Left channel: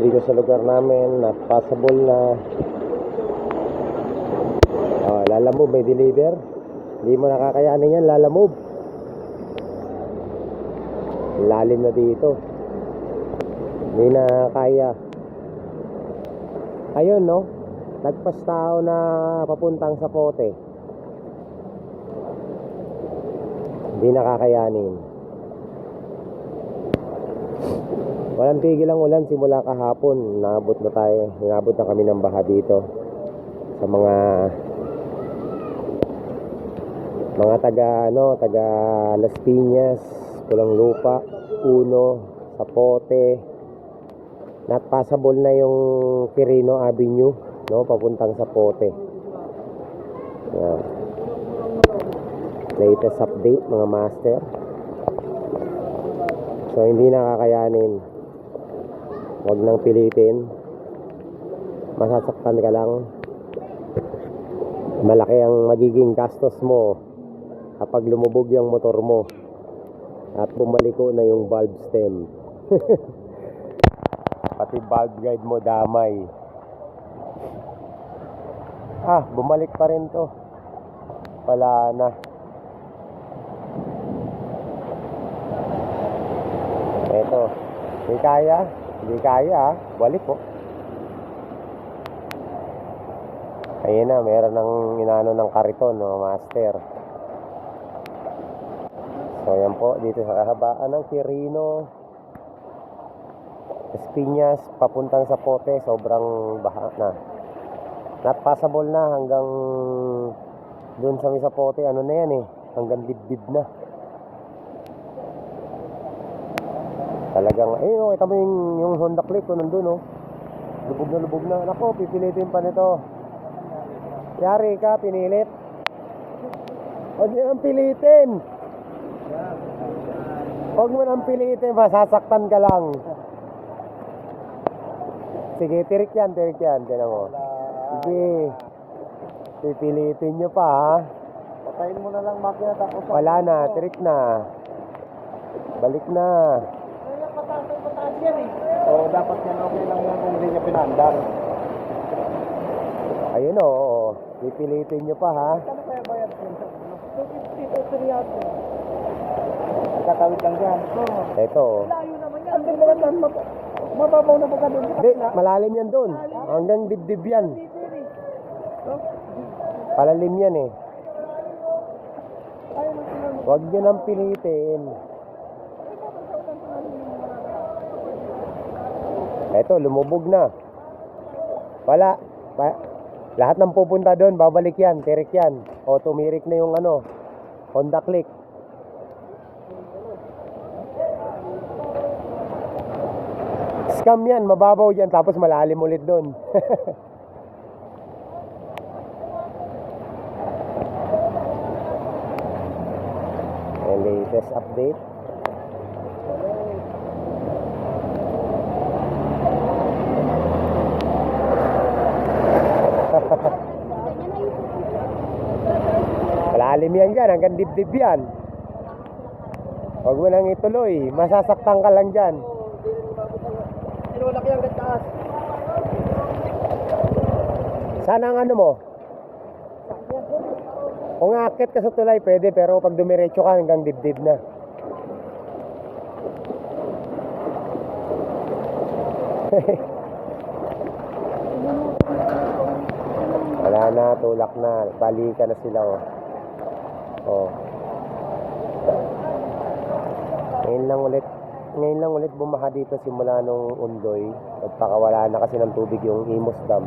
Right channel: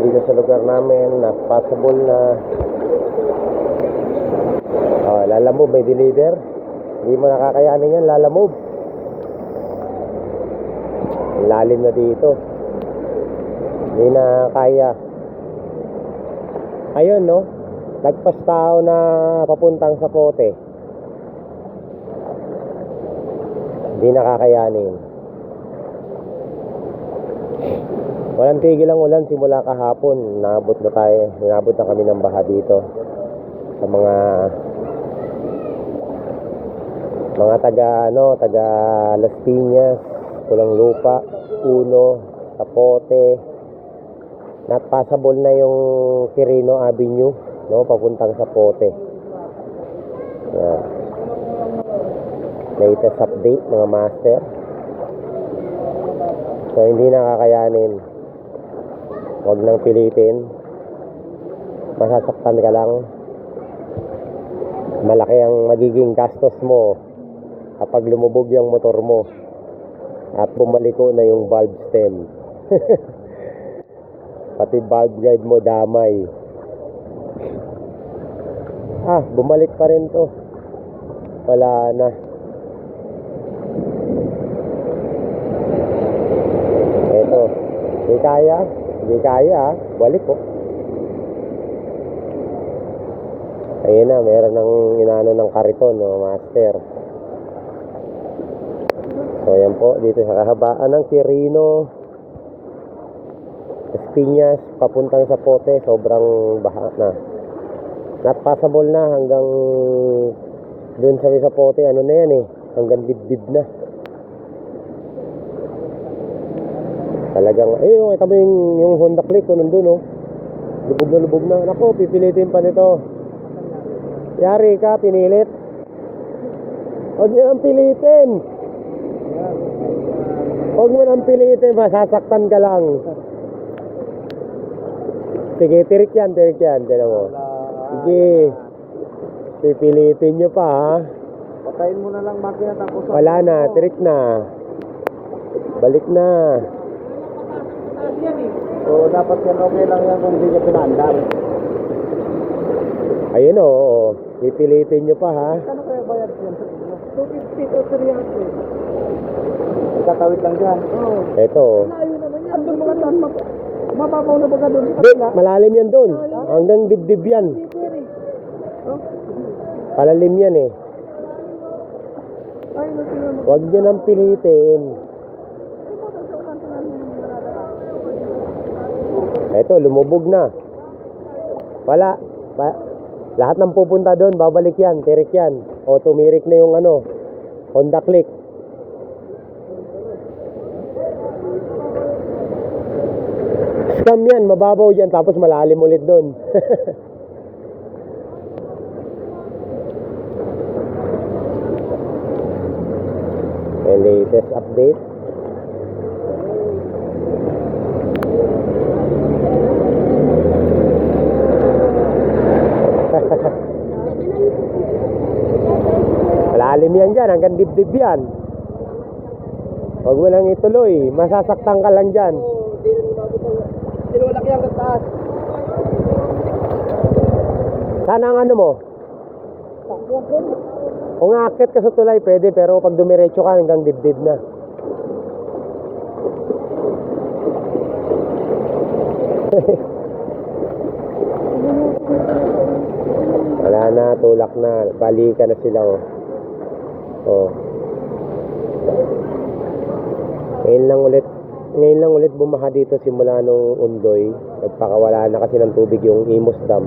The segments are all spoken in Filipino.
dito sa lugar namin, na passable na. Oh, lalamove, may deliver. Hindi mo nakakayanin yan, lalamove. Lalim na dito. Hindi na kaya. Ayun, no? Nagpas tao na papuntang sa pote. Hindi nakakayanin. Walang tigil ang ulan simula kahapon. Naabot na tayo. Inabot na kami ng baha dito. Sa mga mga taga ano, taga Las Piñas, Pulang Lupa, Uno, Sapote. Not passable na yung Quirino Avenue, no, papuntang Sapote. Yan. Latest update mga master. So hindi nakakayanin. Huwag nang pilitin. Masasaktan ka lang. Malaki ang magiging gastos mo kapag lumubog yung motor mo at bumaliko na yung valve stem. Pati valve guide mo damay. Ah, bumalik pa rin to. Wala na. Ito. Hindi kaya. Hindi kaya ah. Balik ko. Ayun na, meron ng inano ng kariton, no, master. So, yan po, dito sa kahabaan ng Quirino, Espinas, papuntang sa Pote, sobrang baha na. Not passable na hanggang dun sa may sa Pote, ano na yan eh, hanggang dibdib na. Talagang, ayun, kita mo yung, yung Honda Click ko nandun, oh. Lubog na lubog na. Nako, pipilitin pa nito. Yari ka, pinilit. Huwag mo nang pilitin. Huwag mo nang pilitin, masasaktan ka lang. Sige, tirik yan, tirik yan. Tinan mo. Sige. Pipilitin nyo pa, ha? Patayin mo na lang makina tapos Wala na, tirik na. Balik na. Oo, dapat yan okay lang yan kung hindi niya pinaandar. Ayun, oo. oo. Pipilitin nyo pa, ha? Ano kaya bayad yun? 250 o 300. Ikatawid lang dyan. Oo. Ito. oh. Layo naman yan. Andun mga tamak. Mababaw na baga doon Di, malalim yan doon. Hanggang dibdib yan. Palalim yan eh. Huwag nyo nang pilitin. Ito, lumubog na. Wala. Ba- lahat ng pupunta doon, babalik yan, tirik yan. O tumirik na yung ano, Honda Click. Scam yan, mababaw yan, tapos malalim ulit doon. Latest update. Malalim yan dyan, hanggang dibdib yan. Huwag mo nang ituloy, masasaktan ka lang dyan. Sana ang ano mo? Kung aakit ka sa tulay, pwede, pero pag dumiretso ka hanggang dibdib na. Wala na, tulak na. Balikan na sila, oh. Oh. Ngayon lang ulit, ngayon lang ulit bumaha dito simula nung undoy. Nagpakawala na kasi ng tubig yung Imus Dam.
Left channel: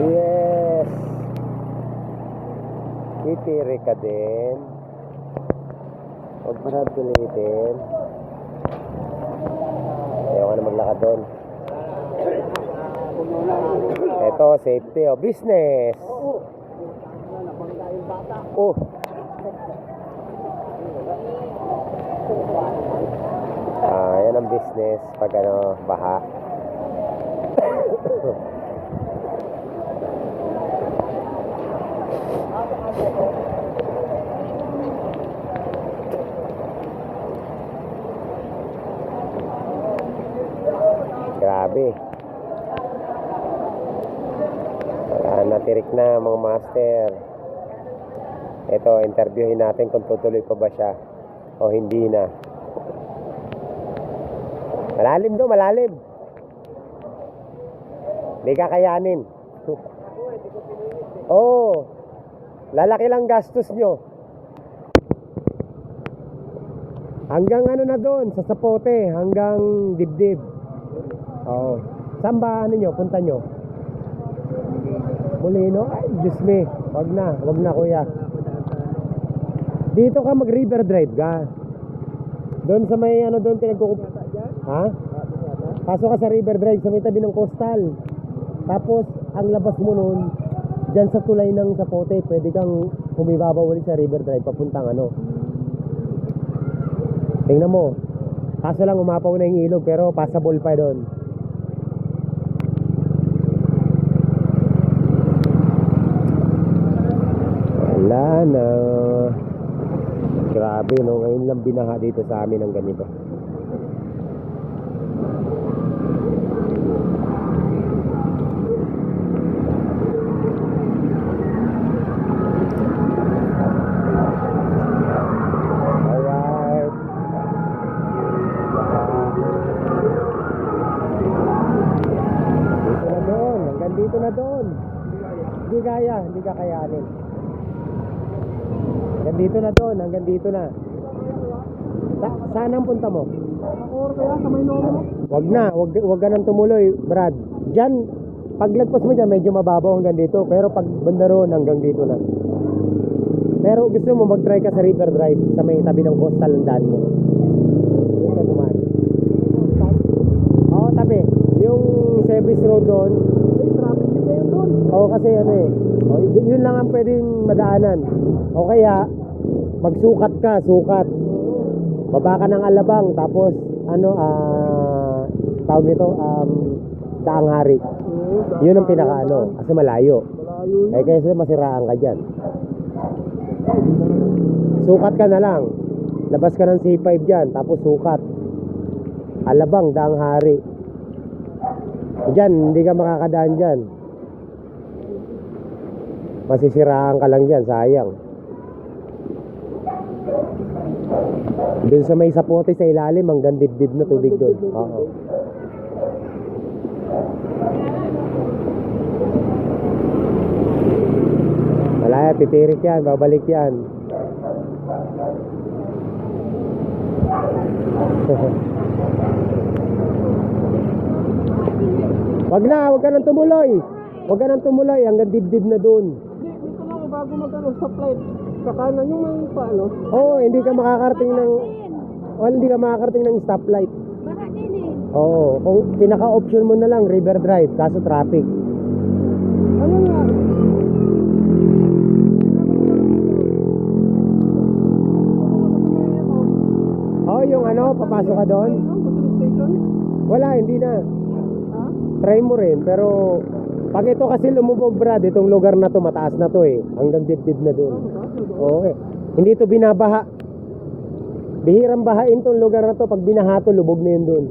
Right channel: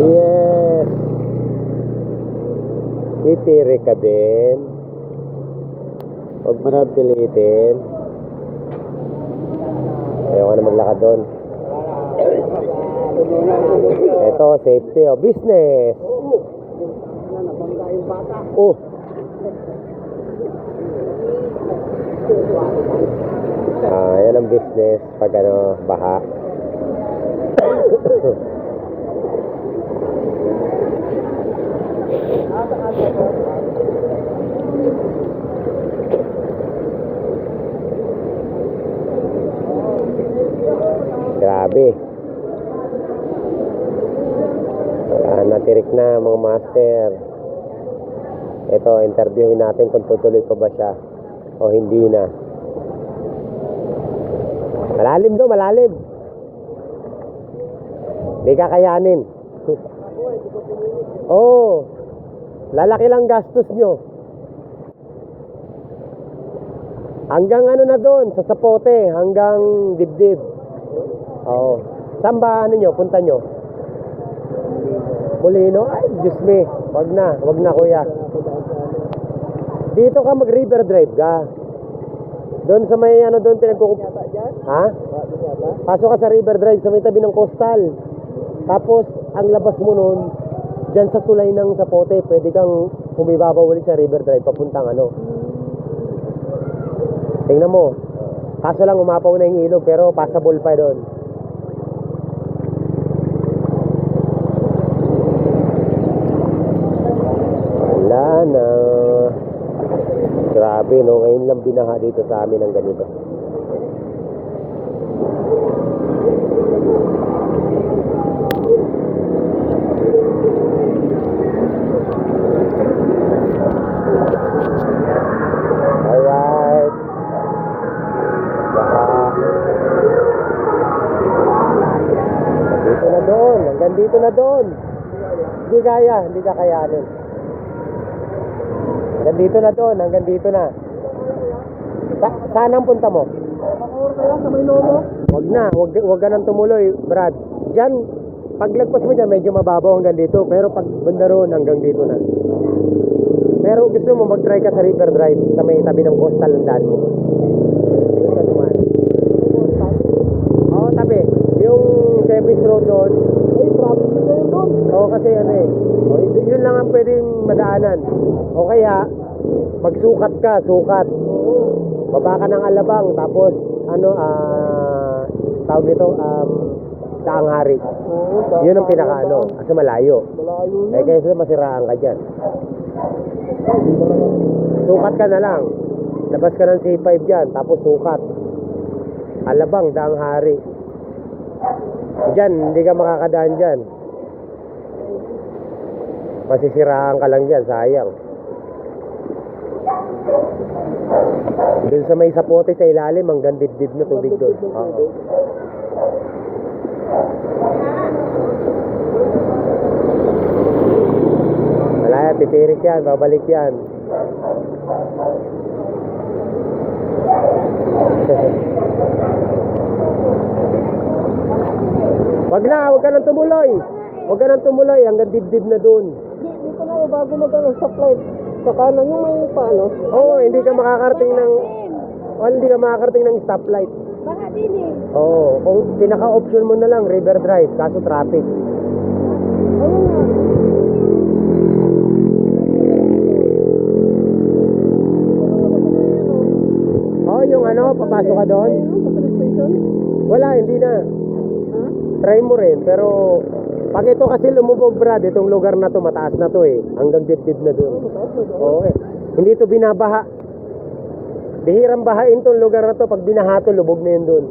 Yes! Titiri ka din. Huwag mo na pilitin. Ayaw ka na maglakad doon. Ito, safety o business. Oh. Ah, yan ang business pag ano, baha. Grabe. Wala na, tirik na mga master. Ito, interviewin natin kung tutuloy pa ba siya o hindi na. Malalim do, malalim. Hindi kakayanin. Oo. oh, lalaki lang gastos nyo. Hanggang ano na doon, sa sapote, hanggang dibdib. Oo. Saan ba ano nyo, punta nyo? Molino? Ay, Diyos me. Wag na, wag na kuya. Dito ka mag river drive ka. Doon sa may ano doon pinagkukup... Ha? Pasok ka sa river drive sa may tabi ng coastal. Tapos, ang labas mo nun, dyan sa tulay ng sapote, pwede kang humibabaw ulit sa river drive papuntang ano. Tingnan mo. Kaso lang umapaw na yung ilog pero passable pa doon. Wala na. Grabe no, ngayon lang binaha dito sa amin ng ganito. Alright. Baka. Dito na doon. Hindi kaya. Hindi ka kayanin. Hanggang dito na doon. Hanggang dito na. Sa saan ang punta mo? Sa may lomo. Wag na. Wag, wag ka nang tumuloy, Brad. Diyan, paglagpas mo dyan, medyo mababaw hanggang dito. Pero pag banda roon, hanggang dito na. Pero gusto mo mag-try ka sa River Drive sa may tabi ng coastal ng daan mo. Oo, tabi. Yung service road doon, Ay, traffic din kayo doon. Oo, kasi ano eh. Yun lang ang pwedeng madaanan. O kaya, magsukat ka, sukat. Baba ka ng alabang, tapos, ano, ah, tawag nito, um, daang hari. Yun ang pinaka ano, kasi malayo. Malayo Eh, yun. kaya masiraan ka dyan. Sukat ka na lang. Labas ka ng C5 dyan, tapos sukat. Alabang, daang hari. Diyan, hindi ka makakadaan dyan. Masisiraan ka lang dyan, sayang. Doon sa may sapote sa ilalim, hanggang dibdib na tubig doon. Oo. Wala yan, titirik yan, babalik yan. wag na, wag ka nang tumuloy. Wag ka nang tumuloy, hanggang dibdib na doon. Di, dito na bago mag-ano sa flight. Sa kanan yung may paano. Oo, hindi ka makakarating ng... Oh, hindi ka makakarating ng stoplight. Baka din eh. Oo, kung pinaka-option mo na lang, river drive, kaso traffic. Ano nga? Oh, yung ano, papasok ka doon? Wala, hindi na. Try mo rin, pero pag ito kasi lumubog, Brad, itong lugar na to, mataas na to eh. Hanggang dibdib na doon. Oo. Hindi to binabaha. Bihirang bahain tong lugar na to. Pag binaha to, lubog na yun doon.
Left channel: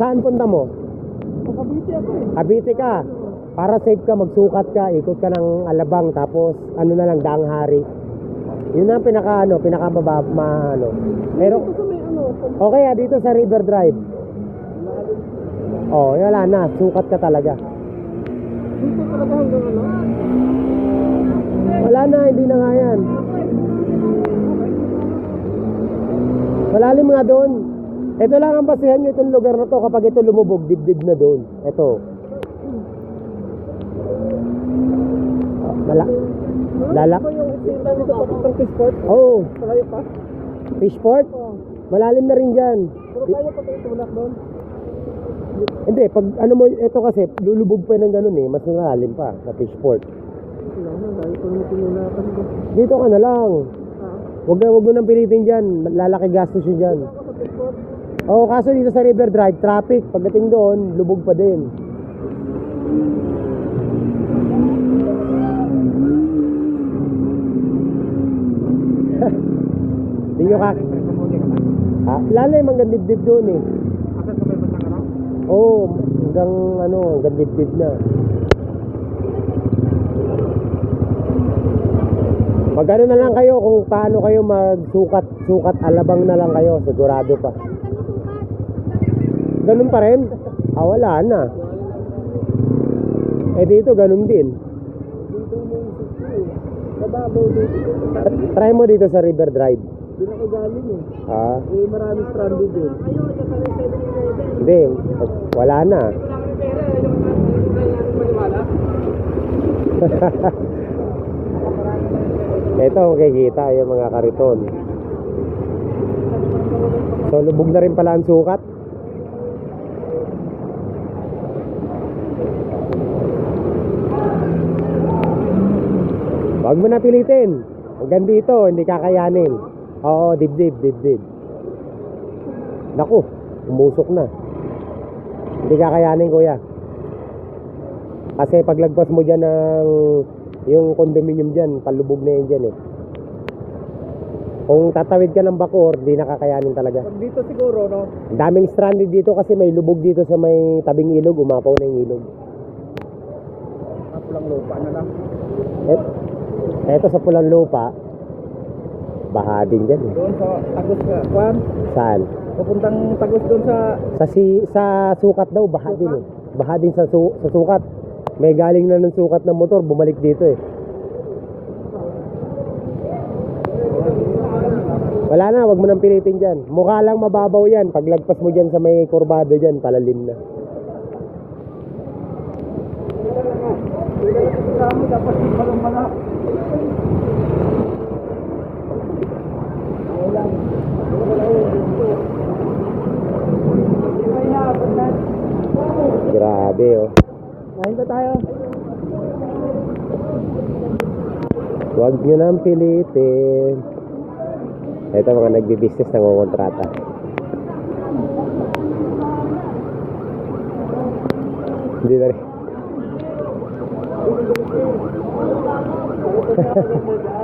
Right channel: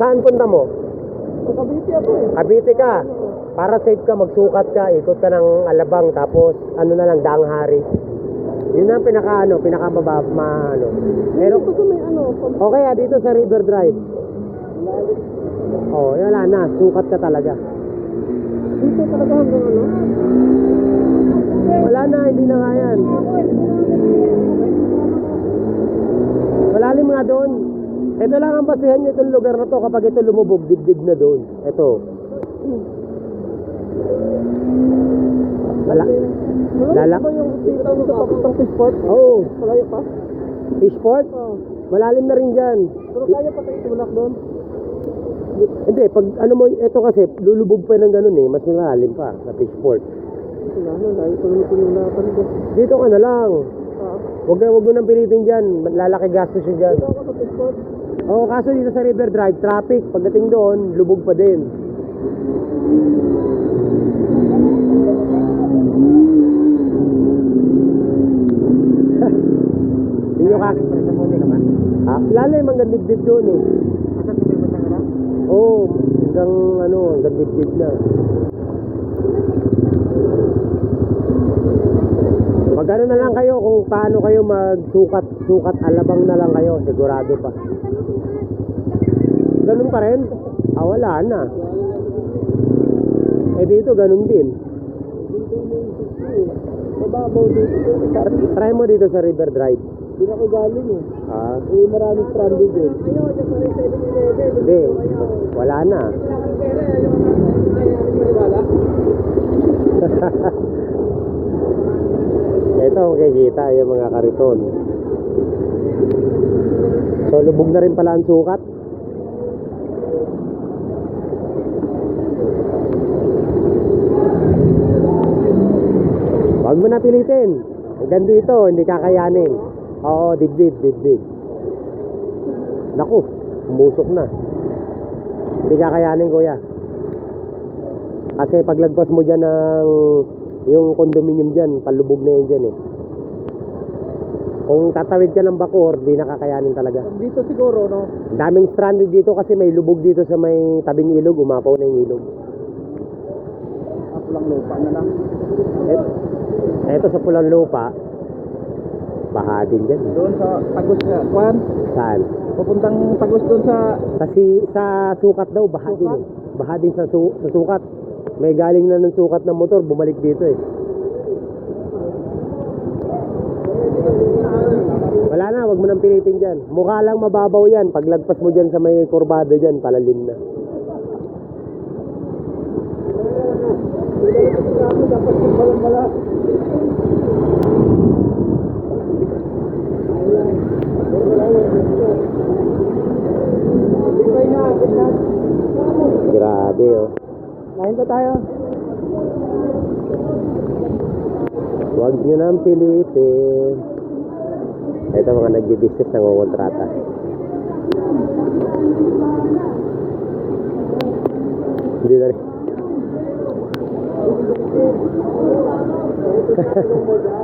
Saan punta mo? Pagkabiti ako eh. Cavite ka. Para safe ka, magsukat ka, ikot ka ng alabang, tapos ano na lang, daang hari. Yun ang pinaka ano, pinaka mababa, ma, ano. Pero, Dito sa may ano, sa o kaya dito sa River Drive. Oh, wala na, sukat ka talaga. dito talaga hanggang. Wala na, hindi na nga yan. Malalim nga doon. Ito lang ang basihan nyo itong lugar na to kapag ito lumubog, dibdib na doon. Ito. Wala. Lala. Ano ba yung kita nito papuntang Fishport? Oh, Kaya pa? fishport. Oo. Malalim na rin dyan. Pero kaya pa tayo tulak doon. Hindi, pag ano mo, ito kasi, lulubog pa ng ganun eh, mas malalim pa sa fishport. Dito ka na lang. Ah, Huwag na, huwag mo nang pilitin dyan. Lalaki gastos yun dyan. sa. Oo, kaso dito sa River Drive, traffic. Pagdating doon, lubog pa din. Nyo ka... lalim hanggang dibdib doon eh. Asan sa may masangara? Oo, oh, hanggang ano, hanggang dibdib na. Mag ano na lang kayo kung paano kayo magsukat, sukat alabang na lang kayo, sigurado pa. Ganun pa rin? Ah, wala na. Eh dito, ganun din. Eh. Try mo dito sa River Drive. Doon ako galing eh. Ah, Eh, maraming stranded 7-Eleven. hindi, wala na. Maniwala. Ito, makikita yung mga kariton. So, lubog na rin pala ang sukat. Huwag mo na pilitin. Hanggang dito, hindi kakayanin. Oo, dibdib, dibdib. Naku, umusok na. Hindi kakayanin, kuya. Kasi paglagpas mo dyan ng yung condominium dyan, palubog na yan dyan eh. Kung tatawid ka ng Bacoor, di nakakayanin talaga. Dito siguro, no? Daming stranded dito kasi may lubog dito sa may tabing ilog, umapaw na yung ilog. At lang lupa na lang. Et, eto sa pulang lupa, baha din dyan eh. Doon sa Tagos ka. Kwan, Saan? papuntang Tagos doon sa... Sa, si, sa sukat daw, baha din eh. Baha din sa, su, sa sukat. May galing na ng sukat ng motor, bumalik dito eh. Wala na, wag mo nang pilitin dyan. Mukha lang mababaw yan. Paglagpas mo dyan sa may kurbado dyan, palalim na. Dapat yung pala. Hindi pa inaabot na. Grabe oh. Kain pa tayo. Huwag nyo nang pilitin. Ito mga nagbi-business ng kontrata. Hindi na rin.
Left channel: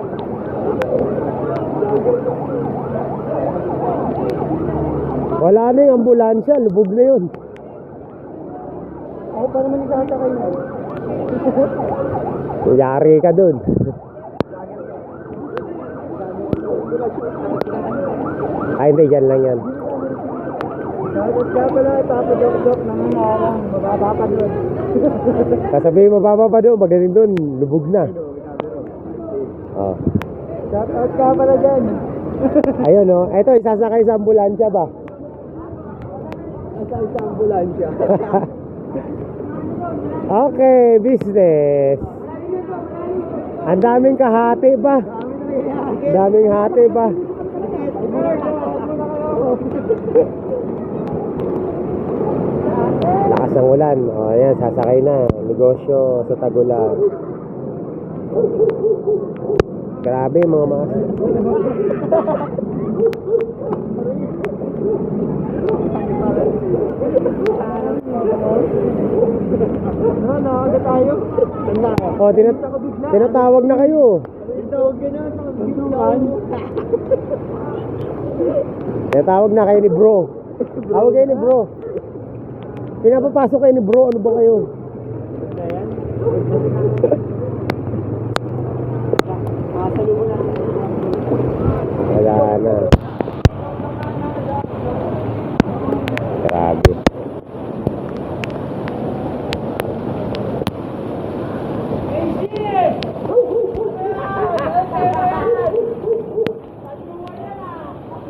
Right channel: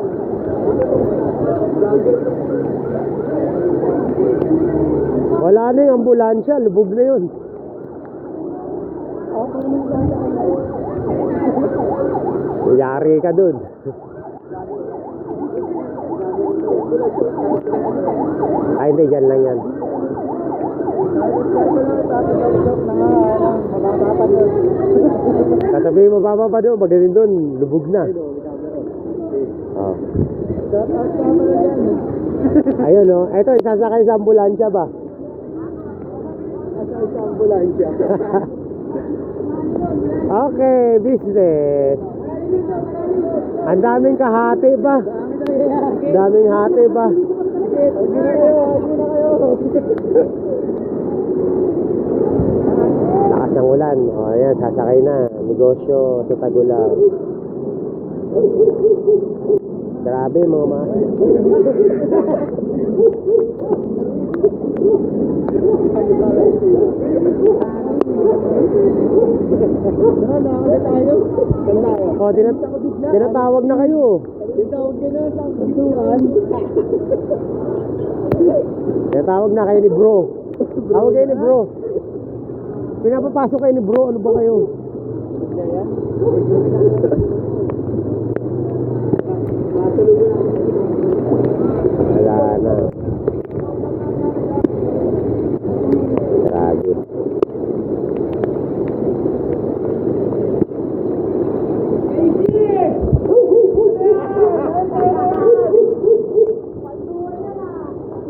Wala na yung ambulansya, lubog na yun. Ako pa naman nakakakay na. Yari ka dun. Ay, hindi, dyan lang yan. Kasabihin mo baba pa doon, magaling doon, lubog na. Oh. Bakit ka pala dyan? Ayun oh, eto isasakay sa ambulansya ba? Nasa isang ambulansya. Okay, business. Ang daming kahati ba? Daming hati ba? Lakas ng ulan. O, oh, ayan, sasakay na. Negosyo sa Tagulang. Grabe mga mga. Ano na, ano tayo? Oh, tinatawag na kayo. Ka na sa pintuan. Tinatawag na kayo ni bro. Tawag kayo ni bro. Pinapapasok kayo ni bro. Ano ba kayo? Wala na. Grabe.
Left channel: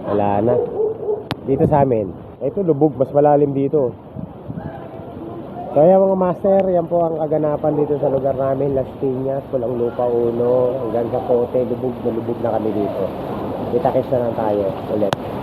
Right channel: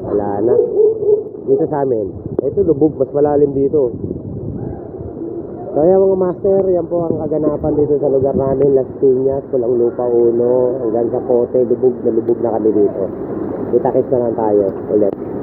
Wala na. Dito sa amin. Ito lubog, mas malalim dito. Kaya mga master, yan po ang kaganapan dito sa lugar namin, Las Piñas, Pulang Lupa Uno, hanggang sa Kote, lubog na lubog na kami dito. Kita-kits na lang tayo ulit.